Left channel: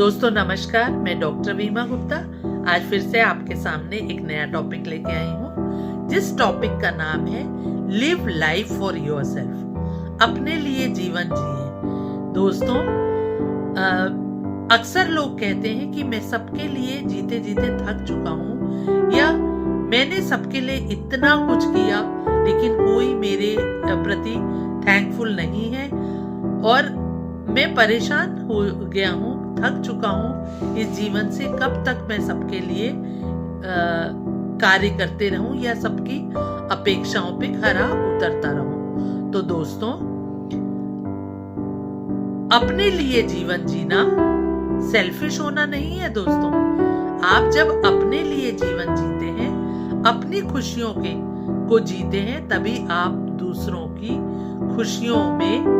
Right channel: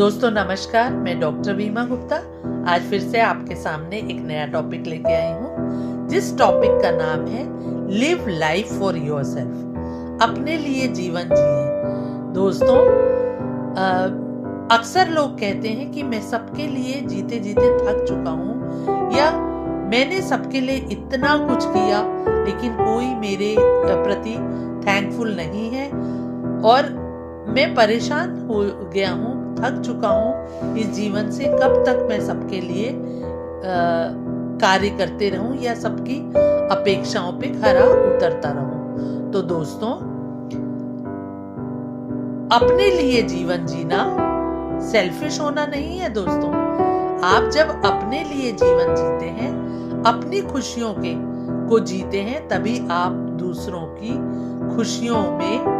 दोस्तों नमस्कार, मैं डॉक्टर वीमा गुप्ता आज फिर से आपके सामने एक नया टॉपिक लेके आई हूँ, जिस टॉपिक का नाम है लिव लाइफ फॉर योरसेल्फ, अपने लिए जीवन जिए। दोस्तों अक्सर लोग कहते हैं कि मैं सबके लिए जीते जीते थक चुका हूँ, या मैंने सबके लिए इतना कुछ किया लेकिन कोई मेरे प्रति थैंकफुल नहीं है और मैं परेशान हो गया हूँ, थक चुका हूँ इस जीवन से। कब तक मैं सबके लिए कार्य करते रहूं या सबकी अपेक्षाओं पे खरा उतरता रहूं। तो दोस्तों, अपने लिए जीवन जीना सेल्फिश होना नहीं है। दोस्तों, आप जब अपने लिए जीवन जीते हैं, अपनी खुशियों को जीते हैं, तभी आप दूसरों की खुशियों में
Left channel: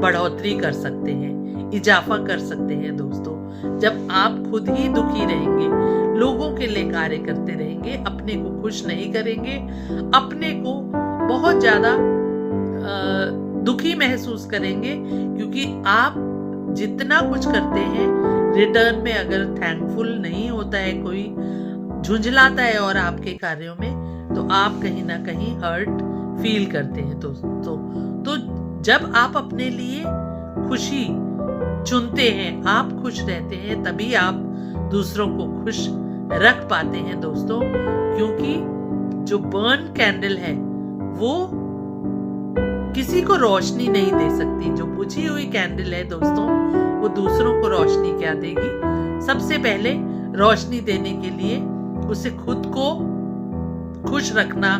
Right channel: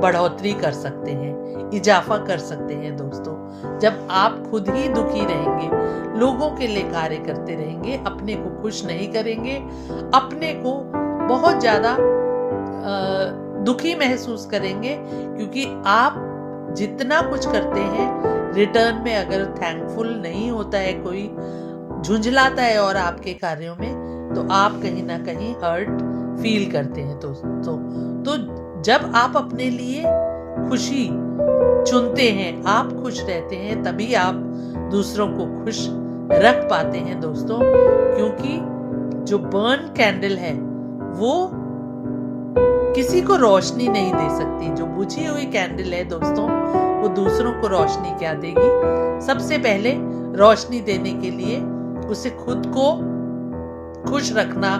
बढ़ोतरी कर सकते हैं, इजाफा कर सकते हैं। दोस्तों, जब आप खुद ही दुखी रहेंगे, लोगों के लिए कार्य करते रहेंगे, अपने को खुश नहीं करेंगे, अपने को बहुत ज्यादा दुखी महसूस करेंगे, क्योंकि आप जितना कुछ करते हैं रिटर्न में अगर थैंकफुल नहीं होता है, कोई झुंझलाता है और आपके कार्यों में, तो आप कहीं ना कहीं हर्ट फील करते हैं। तो जब आप अपने लिए खुशी चुनते हैं, आप खुश रहते हैं, तभी आप दूसरों को खुश रख पाते हैं। दोस्तों, क्योंकि जो बर्न कैंडल है वो किसी को रोशनी नहीं दे सकती। जो बुझी हुई कैंडल है दोस्तों, वो दूसरों को रोशनी क्या देगी। सबसे पहले रोशनी देने के लिए उसे खुद को खुश रखना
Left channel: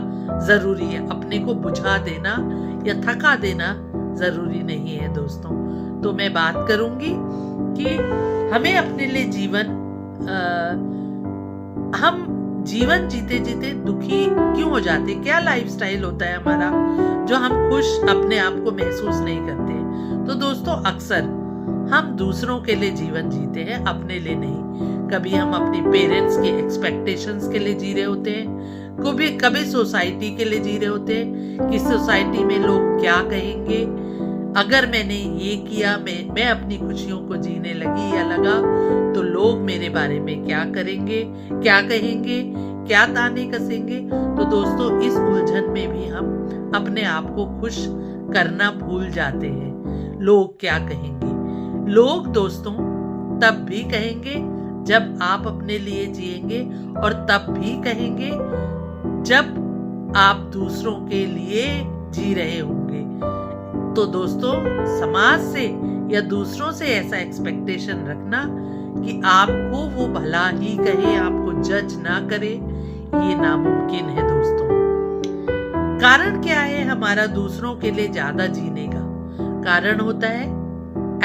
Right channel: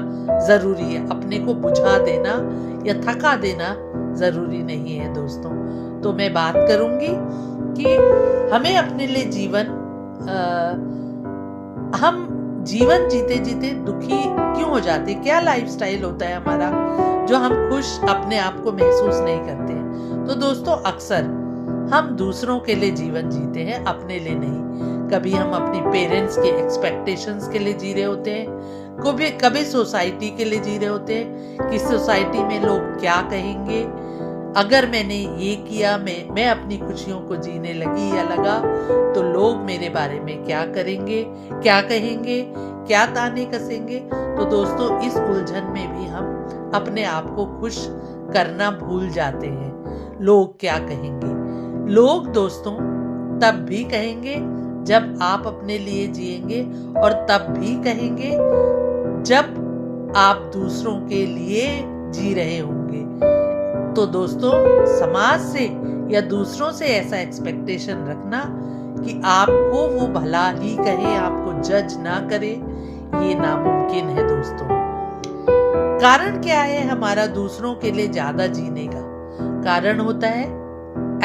जरूरी है, अपने को बुझा देना या थका देना जरूरी नहीं है। दोस्तों, तो मैं बात करूंगी कि हमें अपने लिए हम जीवन जीते जीते दुखी क्यों हो जाते, क्या लाइफस्टाइल होता है हमारा जो हम खुश अपने आप को महसूस नहीं करते। तो दोस्तों, अक्सर हम दूसरों के लिए जीवन जीते हैं, अपने लिए नहीं। कभी हम अपनी पेरेंट्स की एक्सपेक्टेशंस के लिए जी रहे होते हैं, कभी सोसाइटी के लिए जी रहे होते हैं कि सोसाइटी में लोग क्या कहेंगे, अगर मैंने ये किया, मैं अपनी खुशियों को जीने लगी या लगा, तो लोग मेरे बारे में क्या करेंगे, क्या कहेंगे, क्या ताने कसेंगे। तो दोस्तों, इस उलझन में भी हम अपने आप को खुश करना भूल जाते हैं। लोग क्या कहेंगे? लोग दोस्तों तब भी कहेंगे जब आप अपने लिए जिएंगे, और तब भी कहेंगे जब आप दूसरों के लिए जी रहे होंगे। तो दोस्तों, समाज से या दूसरों से ऐसा एक्सपेक्टेशन रखना कि आपको वो भला ही कहे, आपको जज ना करे, ये नामुमकिन है। दोस्तों, कारण क्या है हमारा दूसरों के लिए ज्यादा जीने का? कारण होता है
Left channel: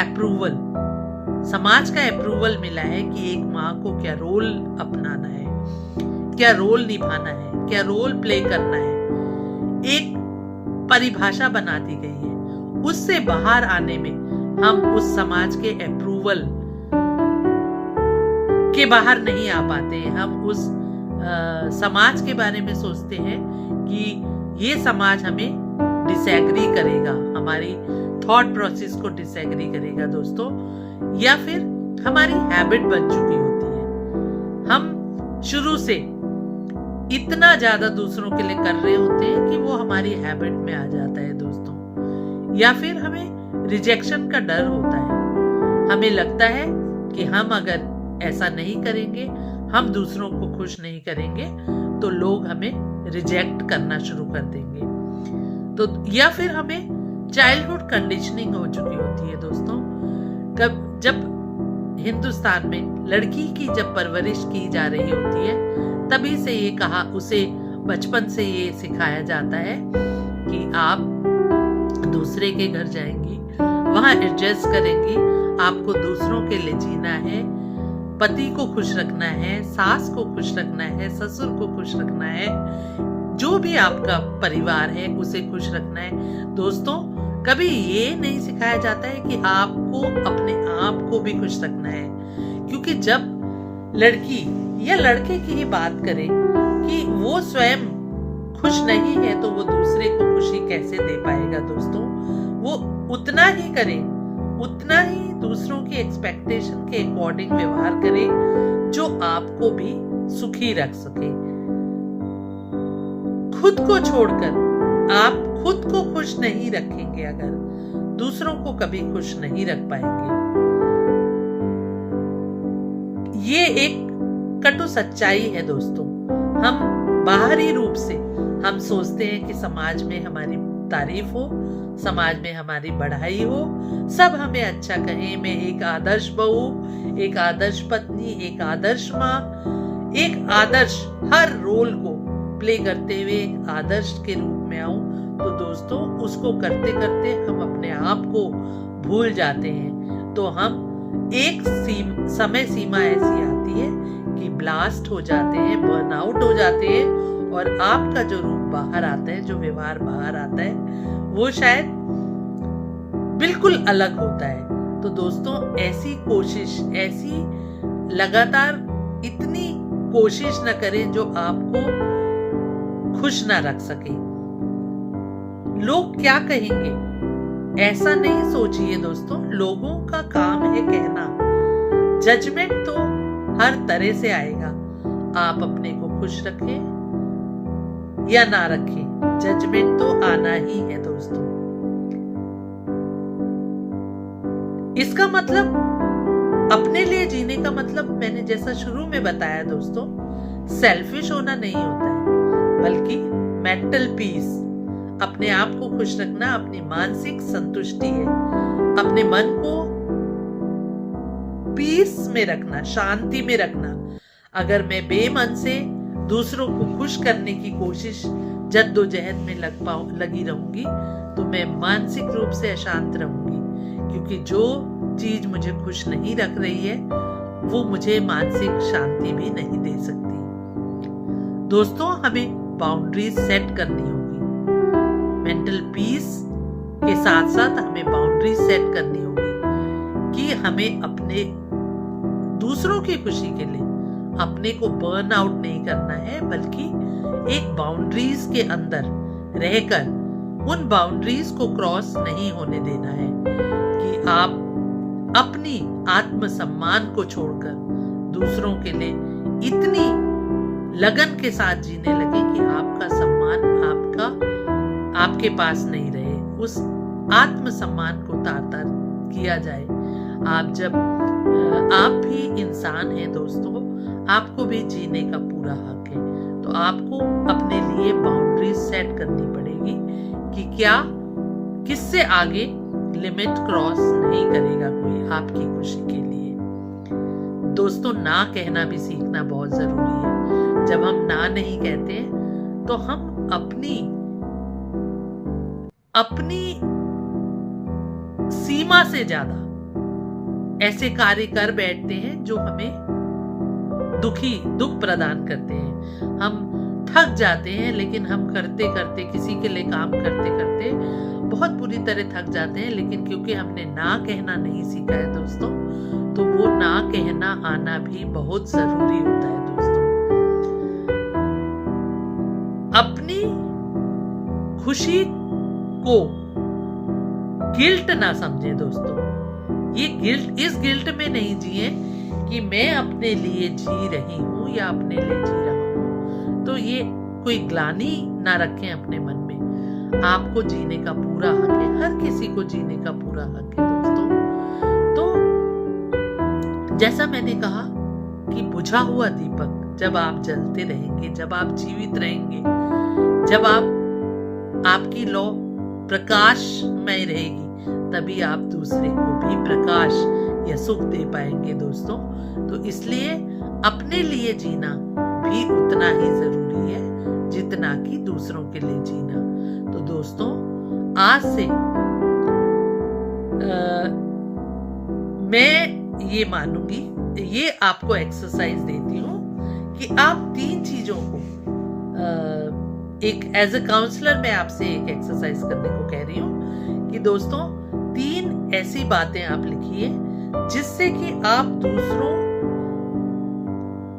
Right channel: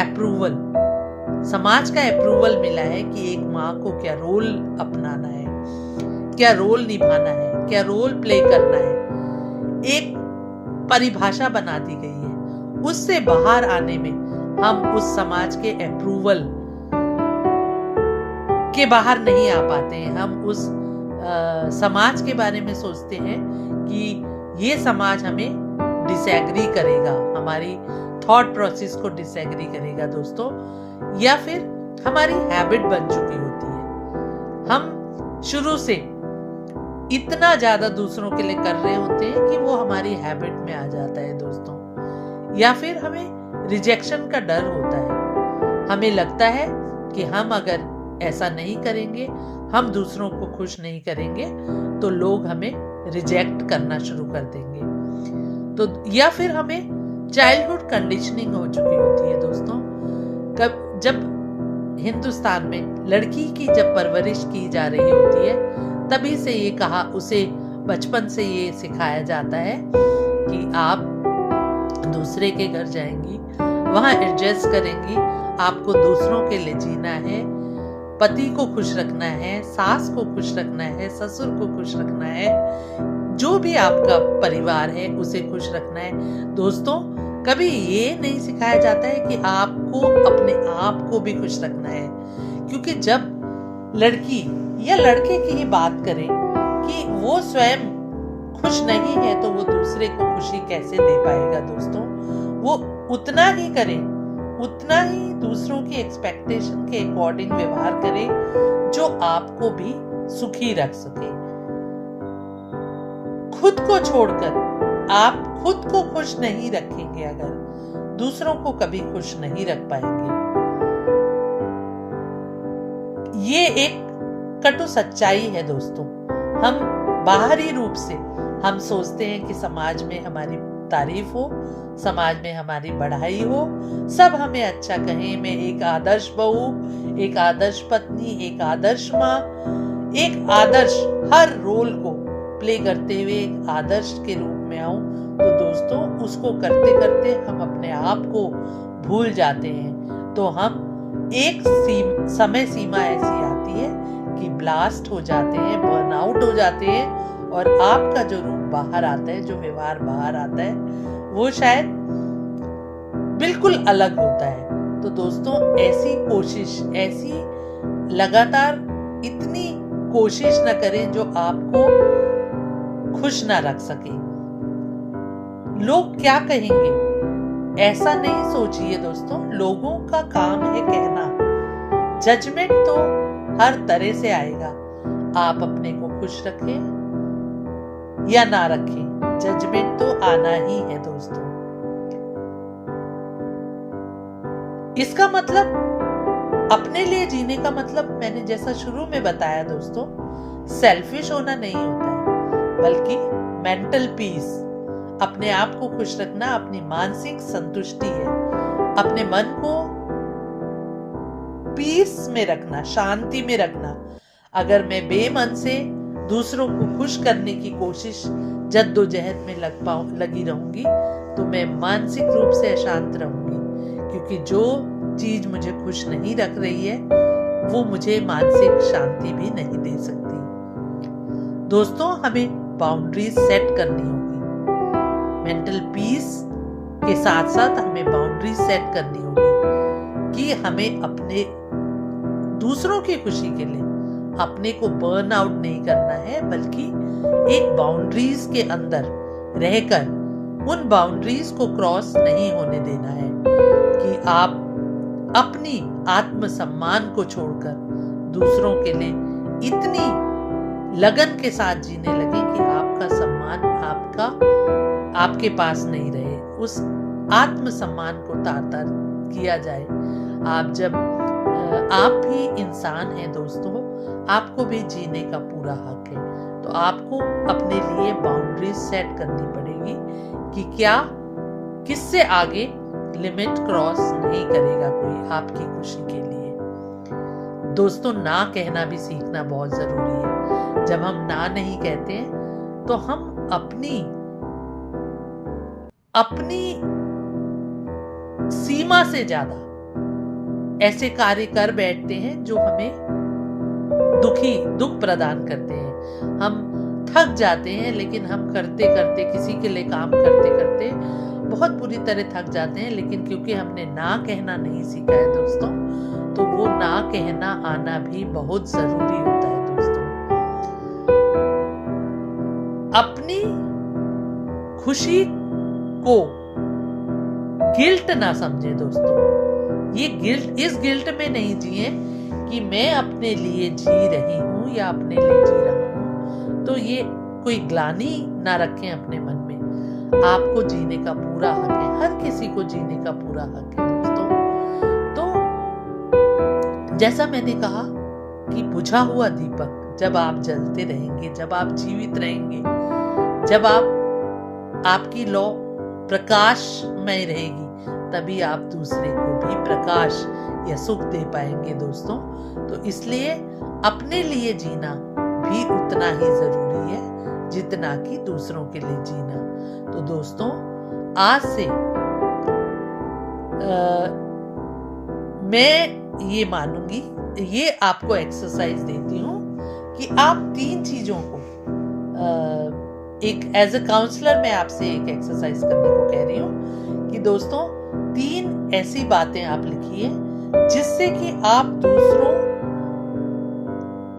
अप्रूवल। समाज का अप्रूवल मिला है कि एक माँ को क्या रोल अपनाना है, क्या रोल निभाना है, क्या रोल प्ले करना है। एक परिभाषा बना दी गई है, उससे बाहर आने में हम उस समाज के अप्रूवल के बाहर नहीं आ पाते हैं। हम उस समाज के बारे में सोचते हैं कि ये समाज हमें डिसएग्री करेगा, हमारी थॉट प्रोसेस को डिसएग्री करेगा। दोस्तों, या फिर हमारी हैबिट बन चुकी होती है, हम शुरू से इतना ज्यादा दूसरों के लिए कर रहे होते हैं कि वो हमारी हैबिट में आ जाता है। दोस्तों, या फिर हमें रिजेक्शन का डर होता है, हमें लगता है कि हम अगर ऐसा नहीं करेंगे, हम दूसरों को खुश नहीं करेंगे, तो लोग हमें रिजेक्ट करना शुरू कर देंगे। तो या फिर हमें चाइल्डहुड कंडीशनिंग हो चुकी होती है। दोस्तों, जब हिंदुस्तान में लड़की की जब परवरिश की जा रही होती है, तभी से ये कहा, उसे बचपन से ये सिखाया जाता है कि आप दूसरे के घर जाएंगी, वहां एडजस्ट करेंगी, आपको दूसरों के लिए जीना है, पति को खुश रखना है, सास को खुश रखना है, ससुर को खुश रखना है, जो भी आपका परिवार है उसे खुश रखना है। दोस्तों, कभी ये नहीं सिखाया जाता है कि आपको अपने आप को भी खुश रखना है, क्योंकि जब लड़की या लड़के की ही बात करें कि वो स्वयं खुश नहीं है, तो वो दूसरे को खुशी कैसे दे पाएगा। दोस्तों, वो उतना ही करे उतना ही दूसरों की एक्सपेक्टेशन के अकॉर्डिंग व्यवहार करें जो आपको भी सुखी रख सके। खुद को छोड़कर आप खुद को खुश नहीं रखेंगे, अगर दूसरों को कभी खुश नहीं रख पाएंगे। ये एक कटु सच्चाई है दोस्तों। हम बाहरी रूप से हम सोचते हैं कि समाज में हमारी तारीफ हो, समाज में हमारी बढ़ाई हो, सब हमें अच्छा कहें, मैं एक आदर्श बहू, एक आदर्श पत्नी, एक आदर्श माँ, एक आदर्श हर रोल को प्ले करते हुए एक आदर्श के रूप में आऊं। तो दोस्तों उसको करते करते हम अपने आप को भूल जाते हैं। तो हम एक समय सीमा ऐसी आती है कि ब्लास्ट हो जाते हैं, बर्नआउट हो जाते हैं, और आपका जो रूप बाहर आता है, जो व्यवहार बाहर आता है, वो शायद बिल्कुल अलग होता है। तो दोस्तों ऐसी कोशिश, ऐसी लगातार इतनी कोशिश न करें जो आपको खुश ना रख सके। लोग क्या कहेंगे ऐसा नहीं सोचिए दोस्तों। लोगों का काम है कहना, जजमेंट तो हर तरह से आएगा। आप अपने को खुश रखें या ना रखें, जजमेंट तो आना ही है दोस्तों। इसका मतलब अपने लिए जीने का मतलब मैंने जैसा शुरू में बताया दोस्तों, सेल्फिश होना नहीं होता है, बल्कि मेंटल पीस, अपने आप को खुश रखना, अपनी मानसिक संतुष्टि है, अपने मन को पीस में रखना, शांति में रखना। अगर मैं बेमन से दूसरों को खुश करने की कोशिश, जद्दोजहद में लगी रहूंगी, तो मैं मानसिक रूप से अशांत रहूंगी, क्योंकि जो चीज मुझे खुश नहीं रख रही है वो मुझे मानसिक शांति भी नहीं दे सकती। दोस्तों हमें बाउंड्रीज सेट करनी होगी। मेंटल पीस के साथ साथ हमें बाउंड्रीज सेट करनी होगी कि हमें अपने दूसरों की खुशी के लिए अपने को बर्न आउट नहीं करना है, बल्कि एक बाउंड्रीज के अंदर रहकर उन बाउंड्रीज को क्रॉस नहीं होने देना है कि आप अपनी आत्मसम्मान को छोड़कर दूसरों के लिए इतनी लगन के साथ जीने लगे कि आपका सम्मान आपके पास नहीं रहे, उस आत्मसम्मान को तार-तार किया जाए। आप भी इंसान हैं दोस्तों, आपको भी जीने का पूरा हक है। तो आपको अपने लिए बाउंड्रीज सेट करनी पड़ेगी कि क्या किससे आगे लिमिट क्रॉस नहीं करेगा कोई आपकी खुशी के लिए। दोस्तों ना कहना भी सीखना बहुत जरूरी है। जब हम ना नहीं कहते हैं तो हम अपनी सीमा से ज्यादा ऐसे कार्य कर बैठते हैं जो हमें दुख प्रदान करते हैं। हम थक जाते हैं, लेकिन हम करते करते, किसी के लिए काम करते करते बहुत बुरी तरह थक जाते हैं, लेकिन क्योंकि हमने ना कहना नहीं सीखा है दोस्तों, तो वो ना कहना आना भी बहुत जरूरी होता है दोस्तों। अपनी खुशी को गिल्ट ना समझे दोस्तों। इस गिल्ट में नहीं जिए कि मैं अपने लिए जी रही हूं या अपने लिए जी रहा हूं, तो ये कोई ग्लानि ना रखें अपने मन में। आपको जीने का पूरा हक है, हर किसी को जीने का पूरा हक है दोस्तों। तो जैसा मैंने कहा कि बुझा हुआ दीपक जब आप जलते रहेंगे, जब आप जीवित रहेंगे, जब आपकी लौ प्रकाशमय रहेगी, तभी आप दूसरे को भी प्रकाश या सुख दे पाएंगे दोस्तों। तो इसलिए अपने लिए जीना भी उतना ही जरूरी है जितना कि दूसरों के लिए जीना। तो दोस्तों आज से मैं ये मानूंगी, ये आपको एक्सरसाइज देती हूँ कि आप 3 चीजों को एक एज अ काउंसलर मैं आपसे एक एक्सरसाइज करने को कह रही हूँ कि दोस्तों 3 ऐसी बातें आप लिखिए जिससे कि आप दूसरों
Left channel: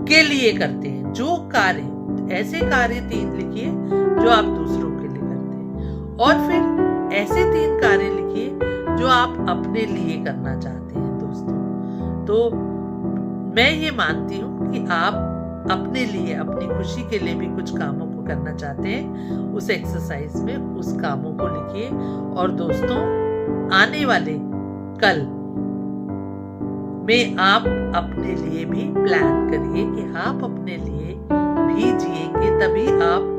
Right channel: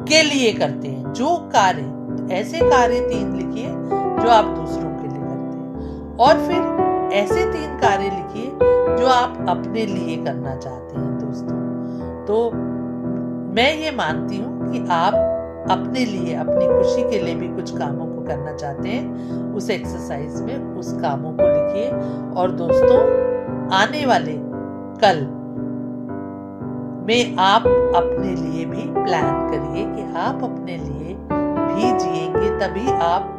के लिए करते हैं, जो कार्य, ऐसे कार्य 3 लिखिए जो आप दूसरों के लिए करते हैं, और फिर ऐसे 3 कार्य लिखिए जो आप अपने लिए करना चाहते हैं दोस्तों। तो मैं ये मानती हूँ कि आप अपने लिए, अपनी खुशी के लिए भी कुछ कामों को करना चाहते हैं, उस एक्सरसाइज में उस कामों को लिखिए। और दोस्तों, आने वाले कल में आप अपने लिए भी प्लान करिए कि आप अपने लिए भी जिएंगे, तभी आप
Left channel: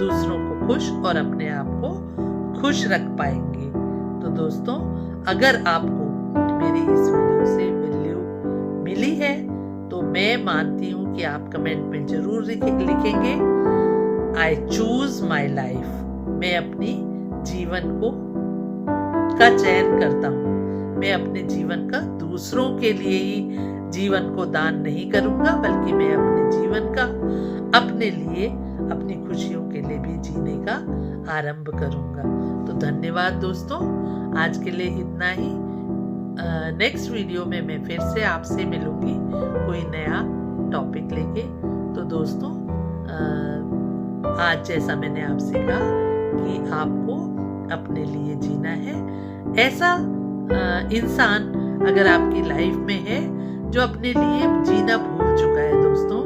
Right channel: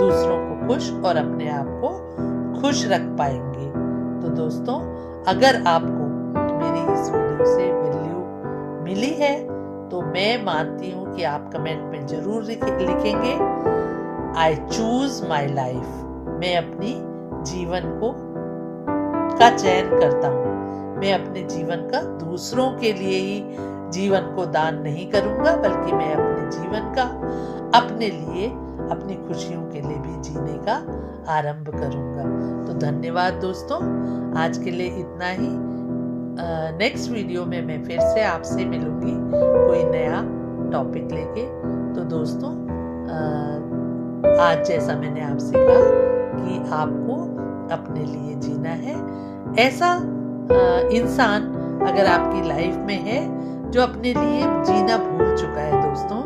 दूसरों को खुश और अपने आप को खुश रख पाएंगे। तो दोस्तों, अगर आपको मेरी इस वीडियो से वैल्यू मिली है तो मैं मानती हूँ कि आप कमेंट में जरूर लिखेंगे आई चूज माई लाइफ। मैं अपनी जीवन का चयन करता हूँ। मैं अपने जीवन का दूसरों के लिए ही जीवन को दान नहीं करूंगा, बल्कि मैं अपने जीवन का अपने लिए, अपनी खुशियों के लिए भी जीने का आरंभ करूंगा। तो धन्यवाद दोस्तों, आज के लिए इतना ही। नेक्स्ट वीडियो में मैं फिर से आपसे मिलूंगी कोई नया टॉपिक लेके। तो दोस्तों, आज जैसा मैंने आपसे कहा कि आपको अपने लिए जीना है, ऐसा इंसान अगर आपकी लाइफ में है जो अपने लिए जीना भूल चुका है दोस्तों,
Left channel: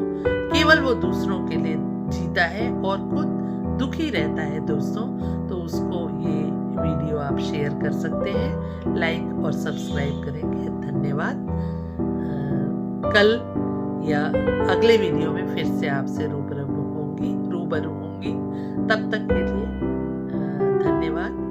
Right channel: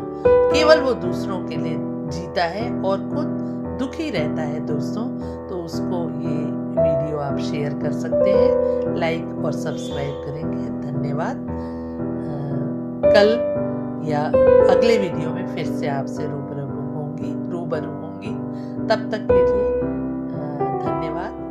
केवल वो दूसरों के लिए जीता है और खुद दुखी रहता है दोस्तों, तो उसको ये वीडियो आप शेयर कर सकते हैं, लाइक और सब्सक्राइब करेंगे। धन्यवाद। कल या अगले वीडियो में फिर से आपसे रूबरू होंगी। तब तक के लिए धन्यवाद।